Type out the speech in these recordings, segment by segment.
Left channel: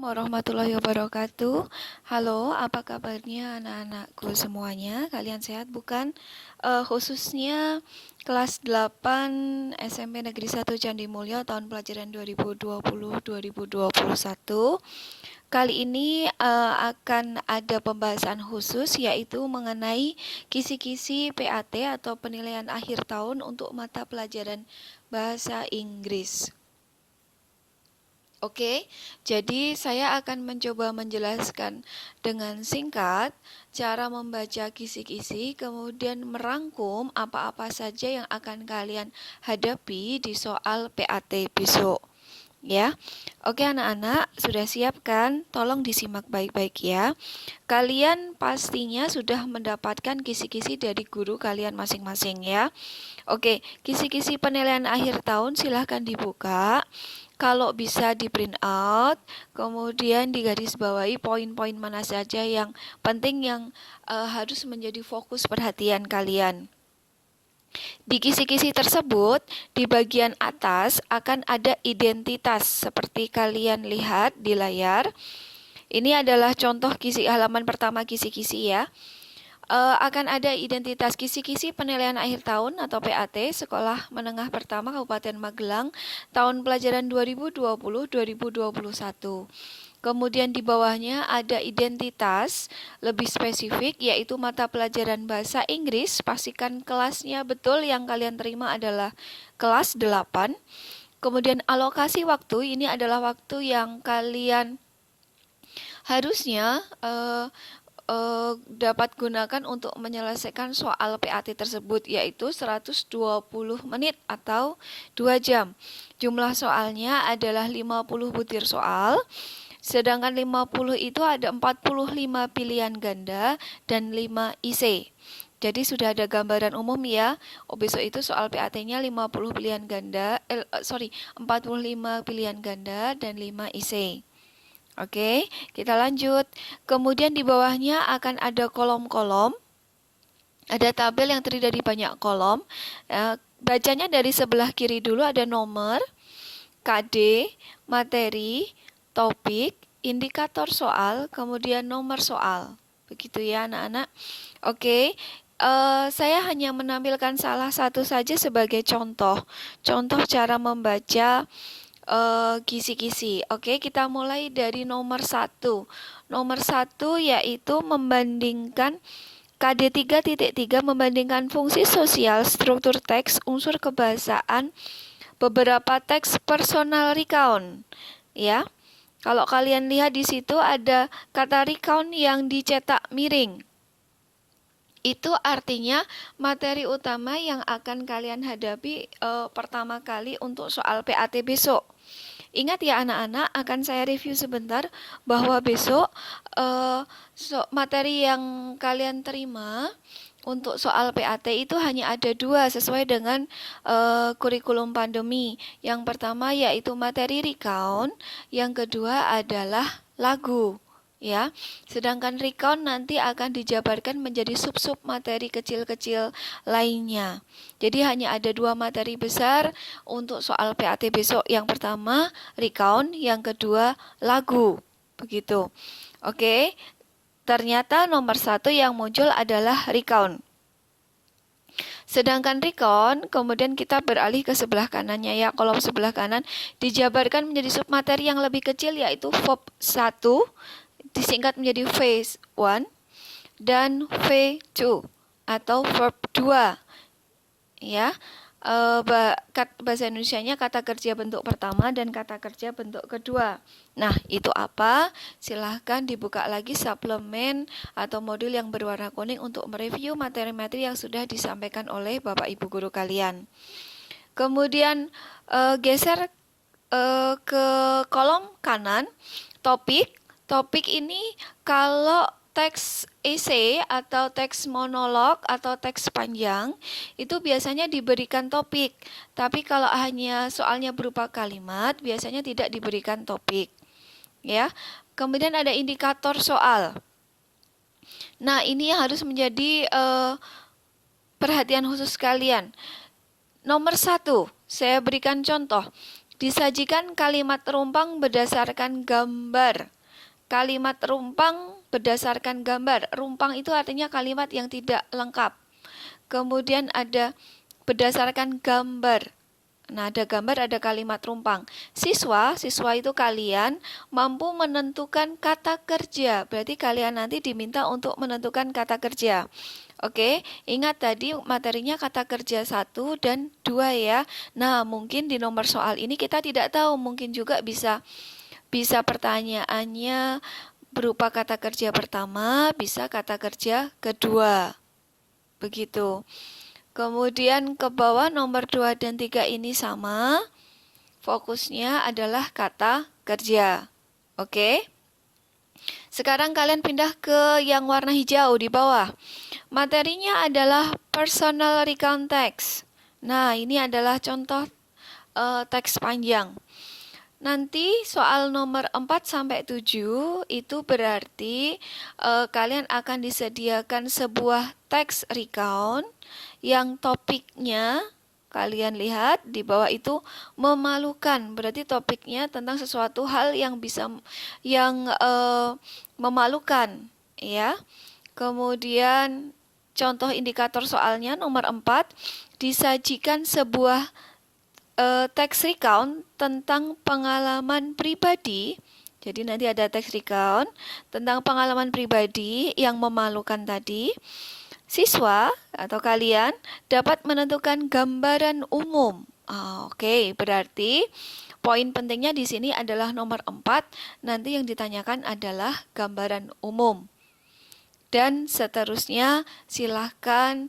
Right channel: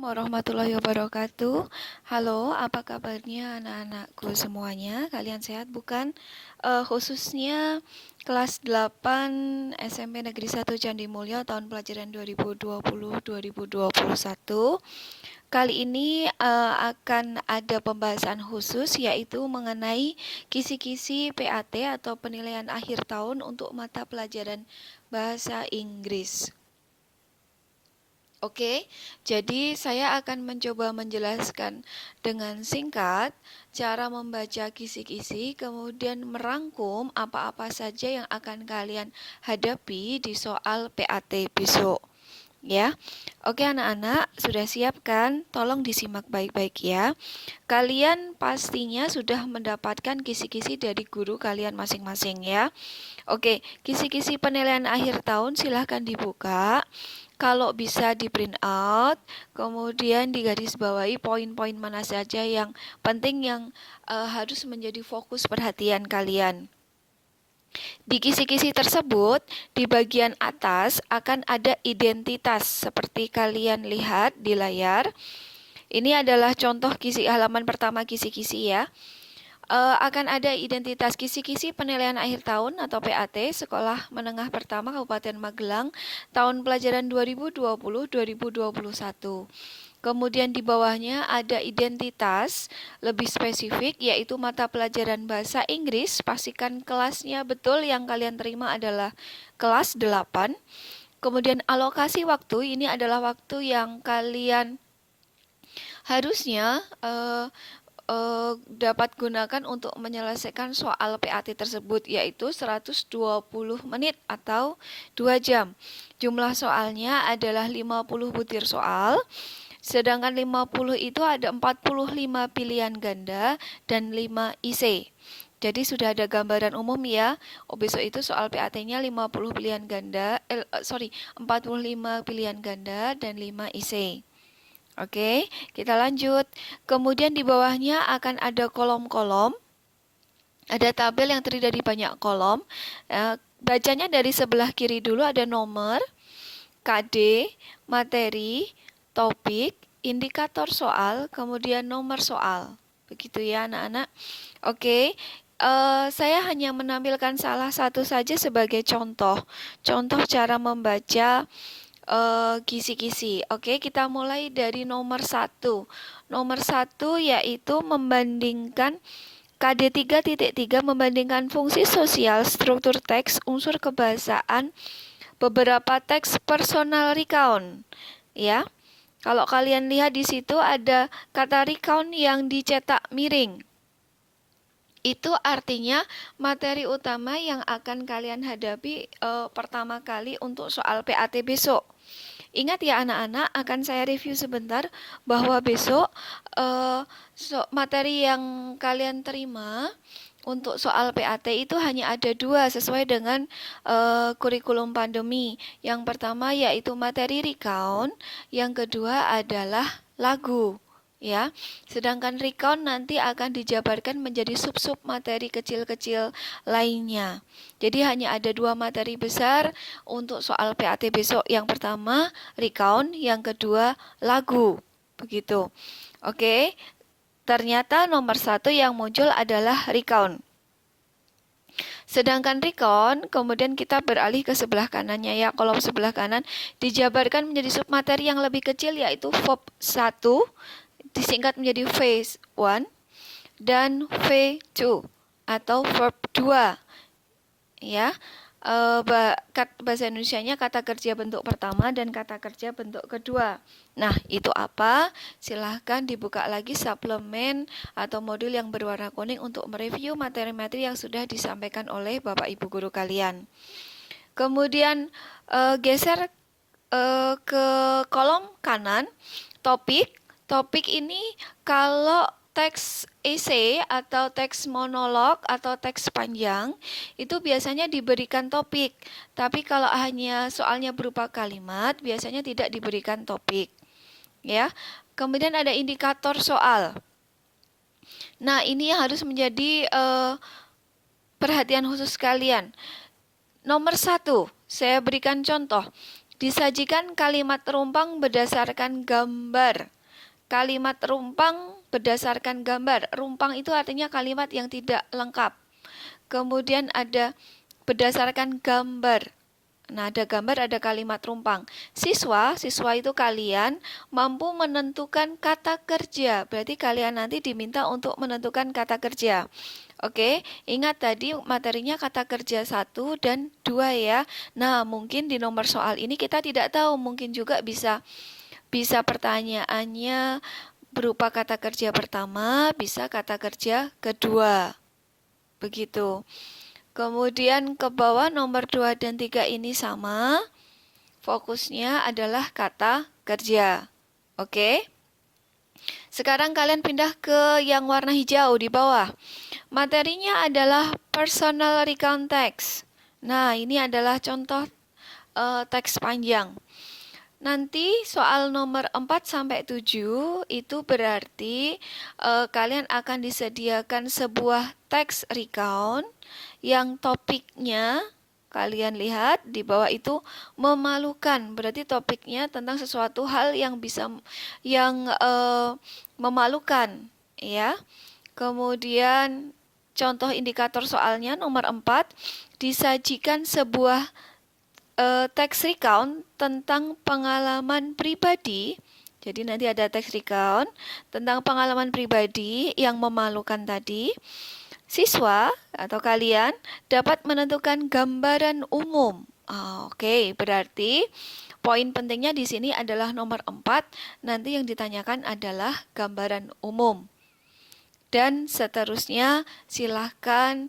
Warahmatullahi wabarakatuh. Halo, apa kabarnya anak-anakku semuanya? Kalian sehat bukan? Khususnya kelas 8 SMP Negeri 1 Candi Mulyo tahun pelajaran 2020-2021. Kali ini akan ada pembahasan khusus yaitu mengenai kisi-kisi PAT atau penilaian akhir tahun untuk mata pelajaran bahasa Inggris. Oke, jadi saya akan mencoba menjelaskan dengan singkat cara membaca kisi-kisi, kemudian merangkum apa-apa saja yang akan kalian hadapi di soal PAT besok. Ya, oke anak-anak, sudah siap kan? Tolong disimak baik-baik ya. Kalian pastinya sudah mendapatkan kisi-kisi dari guru kalian masing-masing ya. Oke, kisi-kisi penilaian akhir tahun silahkan dibuka. Kalau bisa di print out, kemudian digarisbawahi poin-poin mana saja yang penting yang harus menjadi fokus perhatian kalian. Di kisi-kisi tersebut, di bagian atas akan ada identitas seperti kalian lihat di layar. Ini adalah contoh kisi halaman pertama kisi-kisi ya. Akan ada identitas kisi-kisi penilaian akhir tahun atau PAT Sekolah Menengah Pertama Kabupaten Magelang tahun pelajaran 2020-2021. Kemudian di bawahnya ada identitas lebih spesifik yaitu mata pelajaran bahasa Inggris. Pastikan kelasnya betul, yang kalian terima adalah kelas 8. Kemudian alokasi waktu, ini adalah waktu yang kalian harusnya dapat gunakan untuk menyelesaikan soal PAT tersebut, yaitu 120 menit atau 2 jam. Jumlah soalnya adalah 50 butir soal, sedangkan 50 itu ada 45 pilihan ganda dan 5 IC. Jadi sudah ada gambaran umum ya. Besok itu soal PAT-nya 45 pilihan ganda dan 5 IC. Oke, kita lanjut. Kemudian di bawahnya akan ada kolom-kolom. Ada tabel yang terdiri dari banyak kolom. Bacanya dari sebelah kiri dulu, ada nomor, KD, materi, topik, indikator soal, kemudian nomor soal. Begitu ya anak-anak. Oke, saya hanya menampilkan salah satu saja sebagai contoh cara membaca kisi-kisi. Oke, kita mulai dari nomor 1. Nomor 1 yaitu membandingkan KD 3.3 membandingkan fungsi sosial, struktur teks, unsur kebahasaan, beberapa teks personal recount. Ya. Kalau kalian lihat di situ ada kata recount yang dicetak miring. Itu artinya materi utama yang akan kalian hadapi pertama kali untuk soal PAT besok. Ingat ya anak-anak, akan saya review sebentar bahwa besok materi yang kalian terima untuk soal PAT itu hanya ada 2 sesuai dengan kurikulum pandemi. Yang pertama yaitu materi recount, yang kedua adalah lagu. Ya, sedangkan recount nanti akan dijabarkan menjadi sub-sub materi kecil-kecil lainnya. Jadi hanya ada 2 materi besar untuk soal PAT besok. Yang pertama recount, yang kedua lagu. Begitu. Oke. Ternyata nomor 1 yang muncul adalah recount. Sedangkan recount, kemudian kita beralih ke sebelah kanannya ya. Kolom sebelah kanan dijabarkan menjadi submateri yang lebih kecil yaitu verb 1, disingkat menjadi V1 dan V2 atau verb 2. Ya. Bahasa Indonesianya kata kerja bentuk pertama dan kata kerja bentuk kedua. Nah, itu apa? Silahkan dibuka lagi suplemen atau modul yang berwarna kuning untuk mereview materi-materi yang sudah disampaikan oleh Bapak Ibu guru kalian. Kemudian geser ke kolom kanan, topik. Topik ini kalau teks esai atau teks monolog atau teks panjang itu biasanya diberikan topik. Tapi kalau hanya soalnya berupa kalimat biasanya tidak diberikan topik. Ya. Kemudian ada indikator soal. Nah, ini harus menjadi perhatian khusus kalian. Nomor 1, saya berikan contoh. Disajikan kalimat rumpang berdasarkan gambar. Kalimat rumpang berdasarkan gambar. Rumpang itu artinya kalimat yang tidak lengkap. Kemudian ada berdasarkan gambar. Nah, ada gambar, ada kalimat rumpang. Siswa itu kalian mampu menentukan kata kerja. Berarti kalian nanti diminta untuk menentukan kata kerja. Oke, ingat tadi materinya kata kerja 1 dan 2 ya. Nah, mungkin di nomor soal ini kita tidak tahu. Mungkin juga bisa pertanyaannya berupa kata kerja pertama, bisa kata kerja kedua. Begitu. Kemudian ke bawah nomor 2 dan 3 ini sama. Fokusnya adalah kata kerja. Oke. Sekarang kalian pindah ke yang warna hijau di bawah. Materinya adalah personal recount text. Nah, ini adalah contoh teks panjang. Nanti soal nomor 4 sampai 7 itu berarti kalian akan disediakan sebuah teks recount yang topiknya kalian lihat di bawah itu memalukan. Berarti topiknya tentang sesuatu hal yang memalukan, ya. Kemudian contoh indikator soalnya nomor 4, disajikan sebuah teks recount tentang pengalaman pribadi. Jadi nanti ada teks recount tentang pengalaman pribadi yang memalukan tadi. Siswa atau kalian dapat menentukan gambaran umum. Oke, berarti poin pentingnya di sini adalah nomor 4. Nanti yang ditanyakan adalah gambaran umum. Dan seterusnya silahkan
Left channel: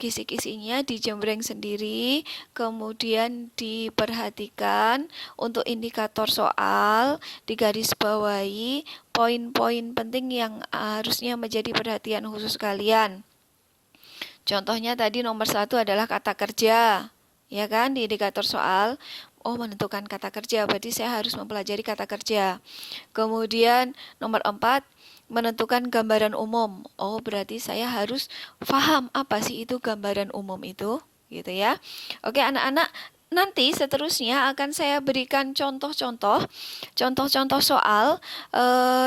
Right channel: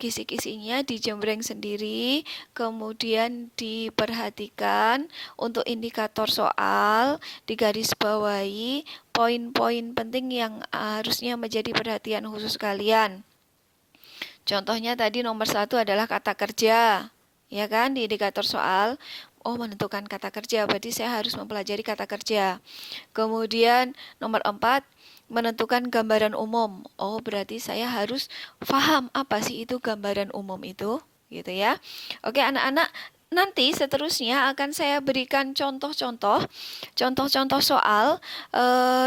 kisi-kisinya dijembreng sendiri, kemudian diperhatikan untuk indikator soal, digarisbawahi poin-poin penting yang harusnya menjadi perhatian khusus kalian. Contohnya tadi nomor 1 adalah kata kerja, ya kan, di indikator soal. Menentukan kata kerja, berarti saya harus mempelajari kata kerja. Kemudian nomor 4, menentukan gambaran umum. Berarti saya harus paham apa sih itu gambaran umum itu, gitu ya. Oke, anak-anak, nanti seterusnya akan saya berikan contoh-contoh soal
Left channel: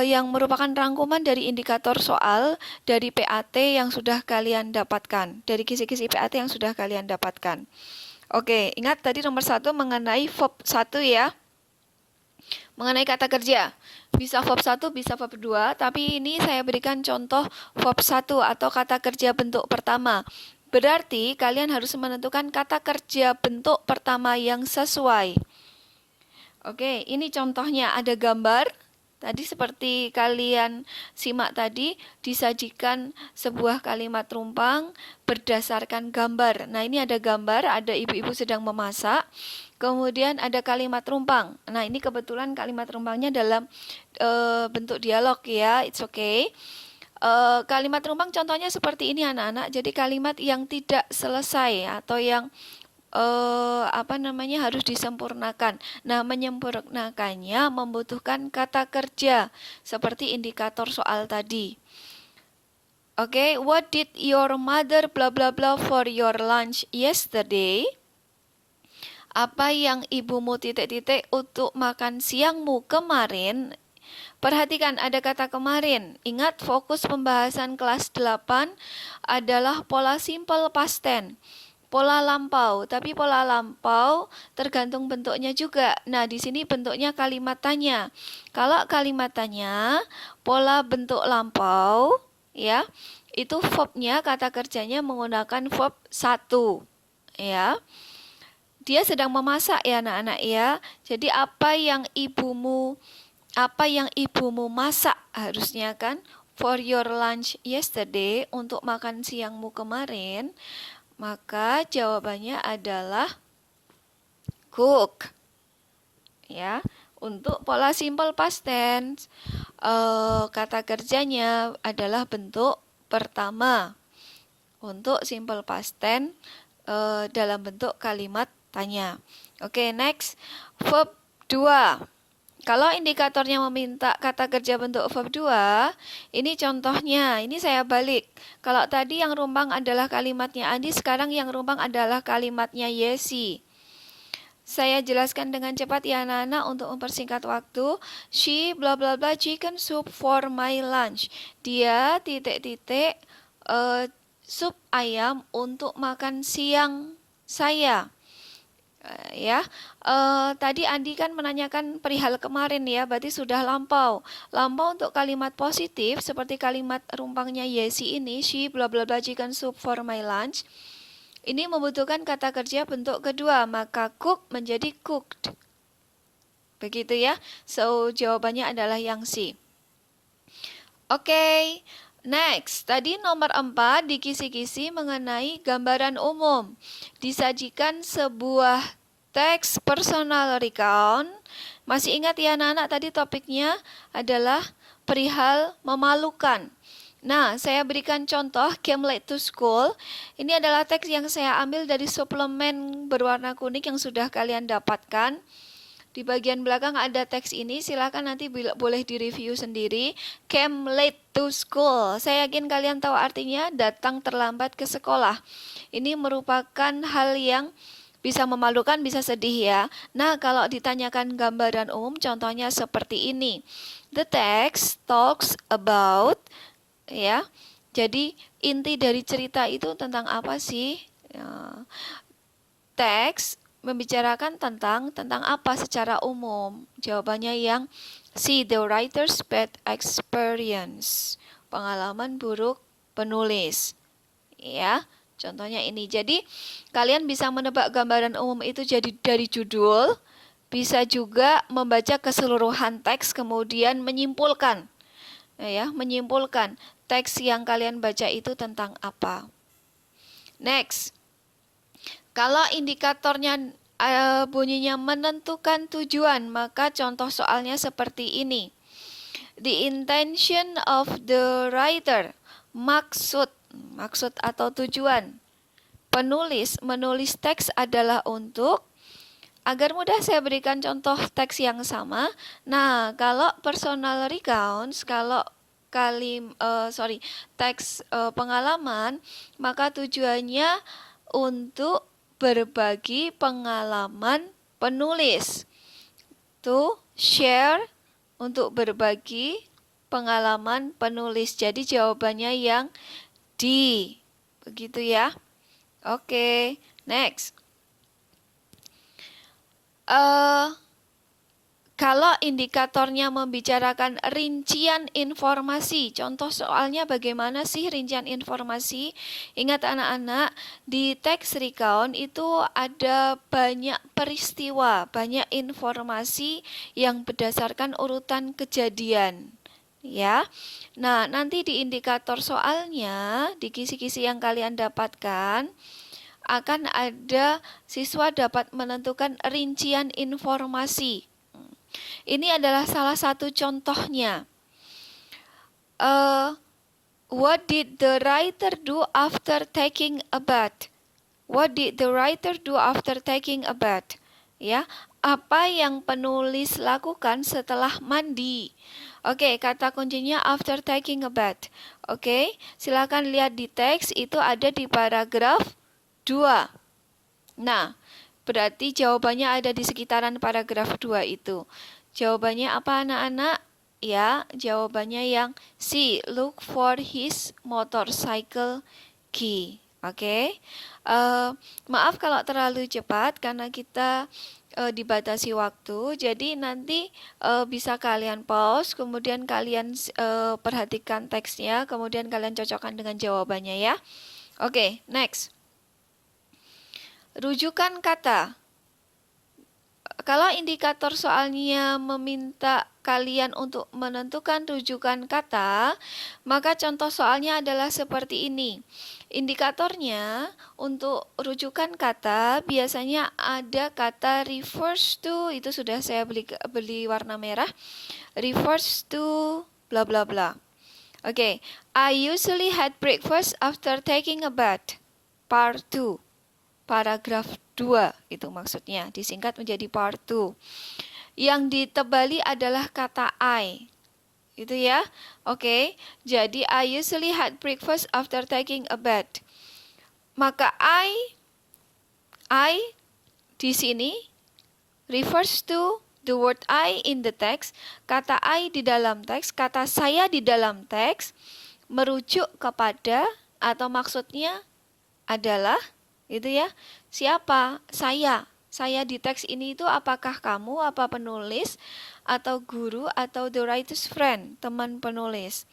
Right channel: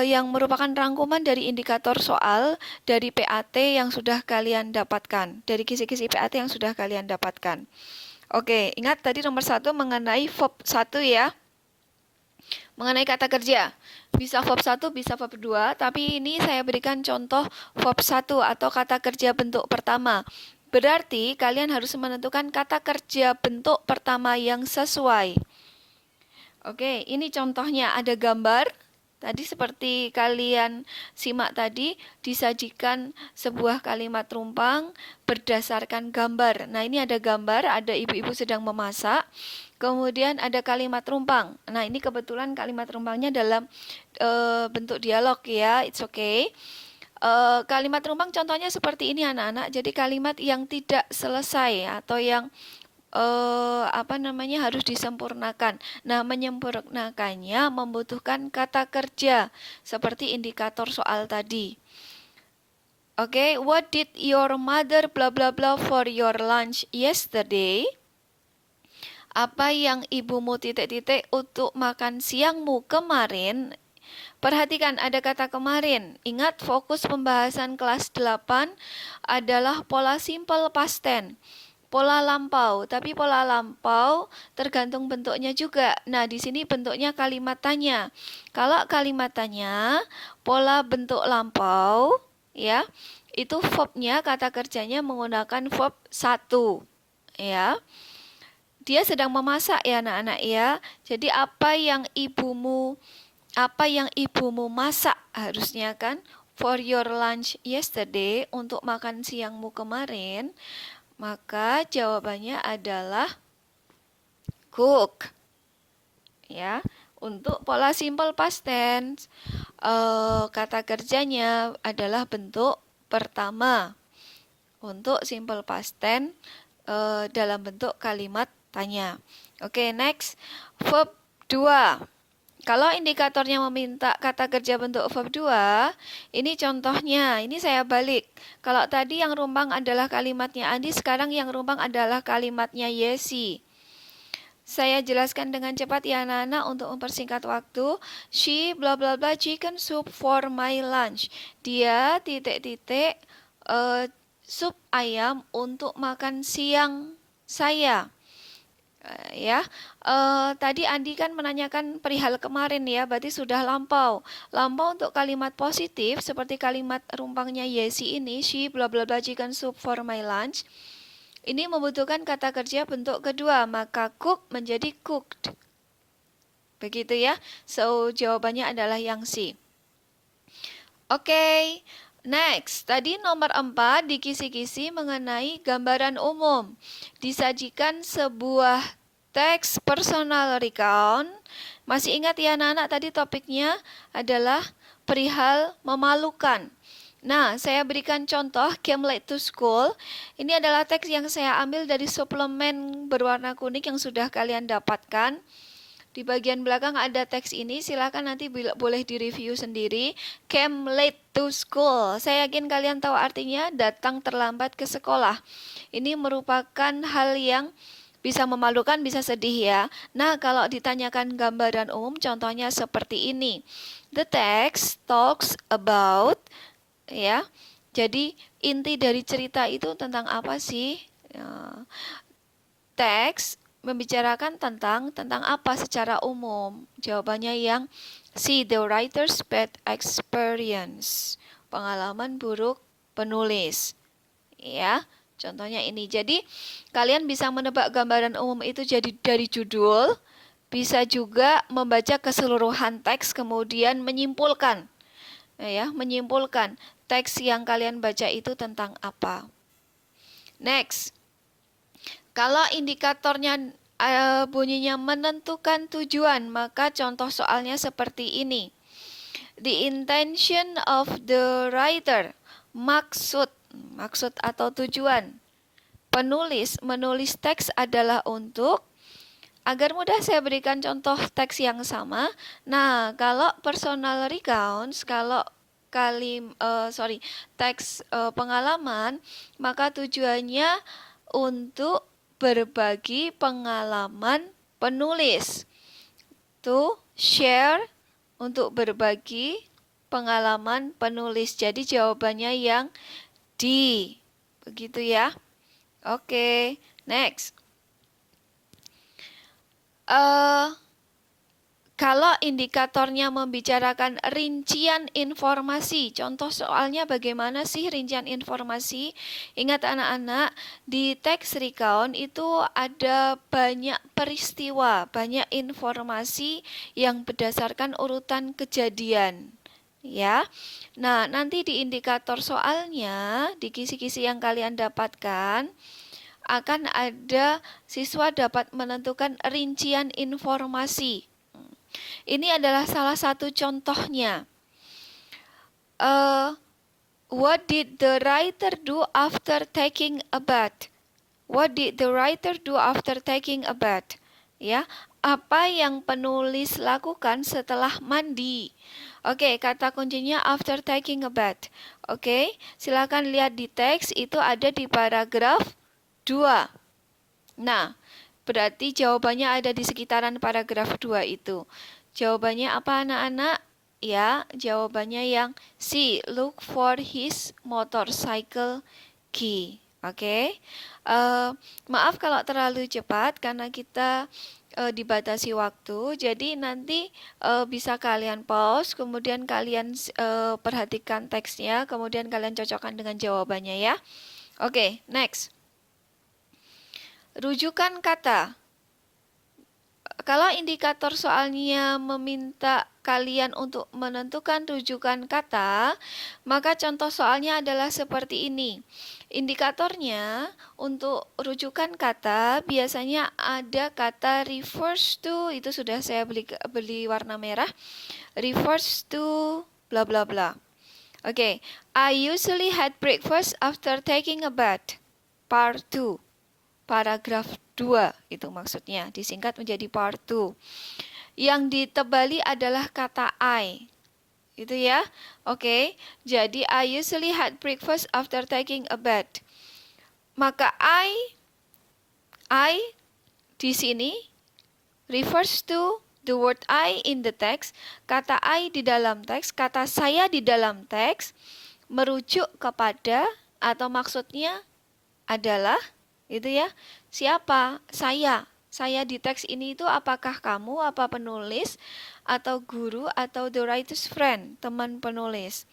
yang merupakan rangkuman dari indikator soal dari PAT yang sudah kalian dapatkan, dari kisi-kisi PAT yang sudah kalian dapatkan. Oke, ingat tadi nomor 1 mengenai verb 1 ya. Mengenai kata kerja, bisa verb 1, bisa verb 2, tapi ini saya berikan contoh verb 1 atau kata kerja bentuk pertama. Berarti kalian harus menentukan kata kerja bentuk pertama yang sesuai. Oke, ini contohnya ada gambar. Tadi seperti kalian simak tadi, disajikan sebuah kalimat rumpang berdasarkan gambar. Nah, ini ada gambar, ada ibu-ibu sedang memasak. Kemudian ada kalimat rumpang. Nah, ini kebetulan kalimat rumpangnya dalam bentuk dialog ya, it's okay. Kalimat rumpang contohnya seperti ini anak-anak. Jadi kalimat yang tidak selesai atau yang harus disempurnakan. Nah, menyempurnakannya membutuhkan kata kerja seperti indikator soal tadi. Oke, what did your mother blah blah blah for your lunch yesterday? Apa yang ibumu titik-titik untuk makan siangmu kemarin? Perhatikan ada kata kemarin. Ingat fokus pembahasan kelas 8 adalah pola simple past tense. Pola lampau, tapi pola lampau tergantung bentuknya juga. Nah, di sini bentuknya kalimat tanya. Kalau kalimat tanya, pola bentuk lampau, ya, itu verbnya, kata kerjanya menggunakan verb 1, ya. Dia sedang memasak ya anak-anak ya. Jadi apa yang ibumu masak harusnya kan? For your lunch yesterday, untuk makan siangmu kemarin. Maka jawabannya adalah cook. Ya, untuk pola simple past tense, kata kerjanya adalah bentuk pertama. Untuk simple past tense dalam bentuk kalimat tanya. Oke, next, verb 2. Kalau indikatornya meminta kata kerja bentuk verb 2, ini contohnya, ini saya balik. Kalau tadi yang rumpang adalah kalimatnya Andi, sekarang yang rumpang adalah kalimatnya Yesi. Saya jelaskan dengan cepat ya anak-anak untuk mempersingkat waktu. She bla bla bla chicken soup for my lunch. Dia titik-titik sup ayam untuk makan siang saya. Tadi Andi kan menanyakan perihal kemarin ya, berarti sudah lampau. Lampau untuk kalimat positif seperti kalimat rumpangnya Yesi ini, she bla bla bla chicken soup for my lunch. Ini membutuhkan kata kerja bentuk kedua, maka cook menjadi cooked. Begitu ya. So, jawabannya adalah yang C. Oke. Next, tadi nomor 4 di kisi-kisi mengenai gambaran umum. Disajikan sebuah teks personal recount. Masih ingat ya anak-anak, tadi topiknya adalah perihal memalukan. Nah, saya berikan contoh came late to school. Ini adalah teks yang saya ambil dari suplemen berwarna kuning yang sudah kalian dapatkan. Di bagian belakang ada teks ini, silakan nanti boleh direview sendiri. Came late to school. Saya yakin kalian tahu artinya datang terlambat ke sekolah. Ini merupakan hal yang bisa memalukan, bisa sedih ya. Nah, kalau ditanyakan gambaran umum, contohnya seperti ini. The text talks about, ya. Jadi inti dari cerita itu tentang apa sih? Ya. Teks membicarakan tentang apa secara umum? Jawabannya yang C, the writer's bad experience. Pengalaman buruk penulis. Ya, contohnya ini. Jadi, kalian bisa menebak gambaran umum itu jadi dari judul, bisa juga membaca keseluruhan teks kemudian menyimpulkan. Ya, menyimpulkan teks yang kalian baca itu tentang apa. Next. Kalau indikatornya bunyinya menentukan tujuan, maka contoh soalnya seperti ini. The intention of the writer, maksud atau tujuan. Penulis menulis teks adalah untuk, agar mudah saya berikan contoh teks yang sama. Nah, kalau personal recounts, kalau teks pengalaman, maka tujuannya untuk berbagi pengalaman penulis. To share, untuk berbagi pengalaman penulis. Jadi jawabannya yang D. Begitu ya. Oke, next. Kalau indikatornya membicarakan rincian informasi, contoh soalnya bagaimana sih rincian informasi? Ingat anak-anak, di teks recount itu ada banyak peristiwa, banyak informasi yang berdasarkan urutan kejadian. Ya, nah nanti di indikator soalnya, di kisi-kisi yang kalian dapatkan, akan ada siswa dapat menentukan rincian informasi. Ini adalah salah satu contohnya. What did the writer do after taking a bath? What did the writer do after taking a bath? Ya, apa yang penulis lakukan setelah mandi? Oke, kata kuncinya after taking a bath. Oke, silakan lihat di teks, itu ada di paragraf 2. Nah, berarti jawabannya ada di sekitaran paragraf 2 itu. Jawabannya apa anak-anak? Ya, jawabannya yang C, look for his motorcycle key. Oke. Maaf kalau terlalu cepat karena kita dibatasi waktu. Jadi nanti bisa kalian pause, kemudian kalian perhatikan teksnya, kemudian kalian cocokkan dengan jawabannya ya. Oke, next. Rujukan kata. Kalau indikator soalnya meminta kalian untuk menentukan rujukan kata, maka contoh soalnya adalah seperti ini. Indikatornya untuk rujukan kata biasanya ada kata refers to, itu sudah saya beli warna merah. Refers to bla bla bla. Oke, I usually had breakfast after taking a bath. Part 2. Paragraf 2 itu maksudnya, disingkat menjadi part 2. Yang ditebali adalah kata I. Itu ya. Oke, jadi I usually had breakfast after taking a bath. Maka I di sini refers to the word I in the text. Kata I di dalam teks, kata saya di dalam teks merujuk kepada atau maksudnya adalah gitu ya. Siapa? Saya. Saya di teks ini itu apakah kamu, apa penulis, atau guru, atau the writer's friend, teman penulis.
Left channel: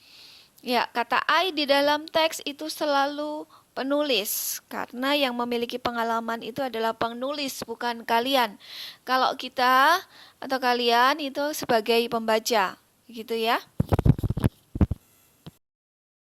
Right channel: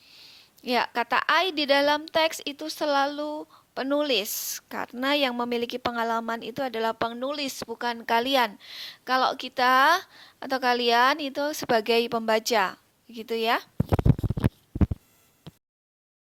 Ya, kata I di dalam teks itu selalu penulis, karena yang memiliki pengalaman itu adalah penulis, bukan kalian. Kalau kita atau kalian itu sebagai pembaca, gitu ya.